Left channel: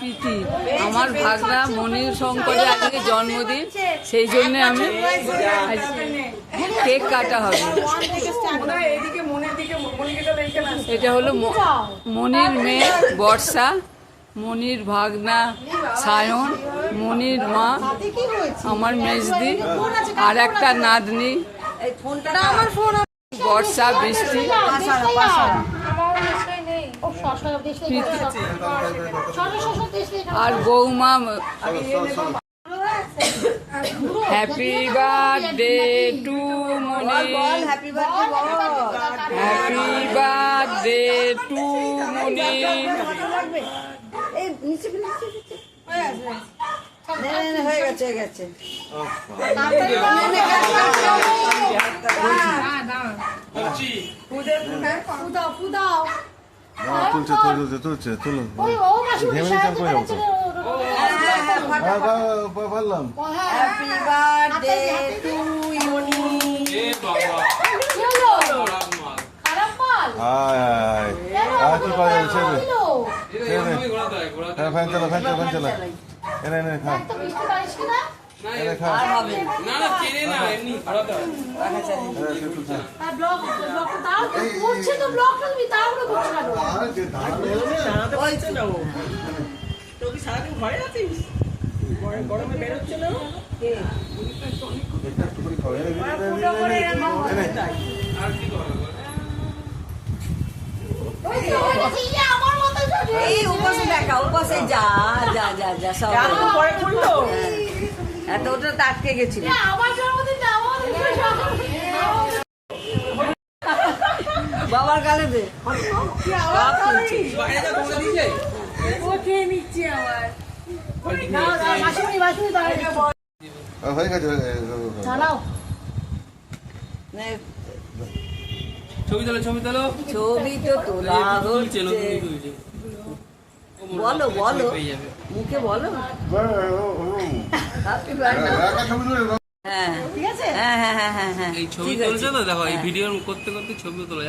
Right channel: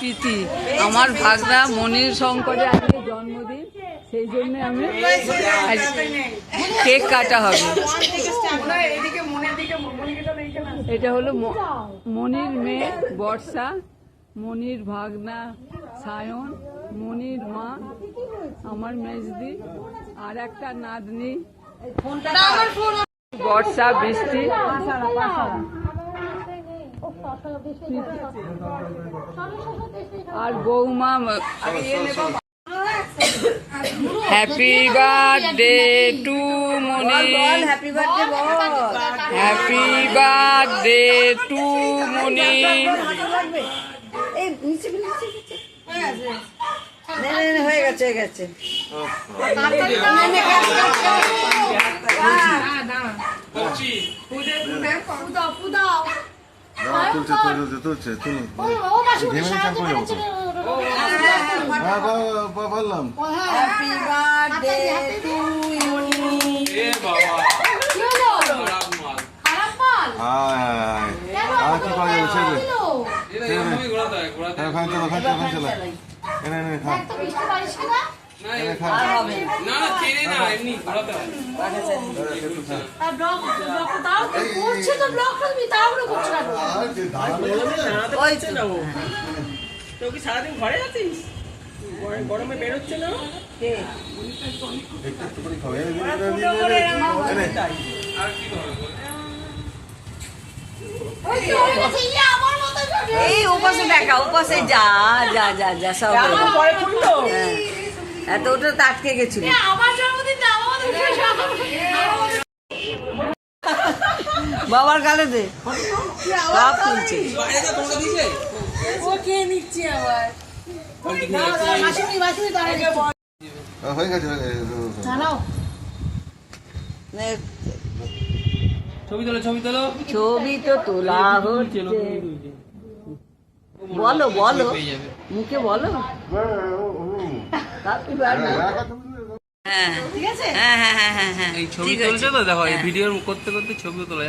প্রীতি আমার ভাগনা মনির শঙ্করের আজকে জন্মদিন, সেই জন্য আমি কেক কাটা হবে। এটা হলো মনির মেয়ে বর্ষা, মনির ভাগনা সায়ন, মনির মা আমার মেজদি, আর একটা নাতনি বর্ষা বৃষ্টি, আর বৌমা। Happy birthday to Moni, happy birthday to Moni. হয়ে গেছে হয়ে গেছে। তুলছে তুলুন বললাম হ্যাপি বার্থডে টু ইউ। কি পাওয়া যাবে খান চলো খান চলো খান চলো এনে এনে খান এনে খান। সারাদিন ঘরে আছিস, গরমে বেরোচ্ছে না। এই উপাসে দেখা উপাসে যা যা যা যা সব পরে পড়লো। এত ওটা তো আটকে গেছিল। বাবার গালে দে নিচ্ছে আবার হয়ে গেছে ছবি তোলো ছবি তোলো। ছবি তো তোলা হচ্ছে। বলো বলো মুখে বলো। হ্যাঁ ঠিক আছে। হ্যাঁ হ্যাঁ হ্যাঁ হ্যাঁ হ্যাঁ এই ছবি তুলছো তো, দেখো এই ভিডিও করতে করতে ছবি তোলা।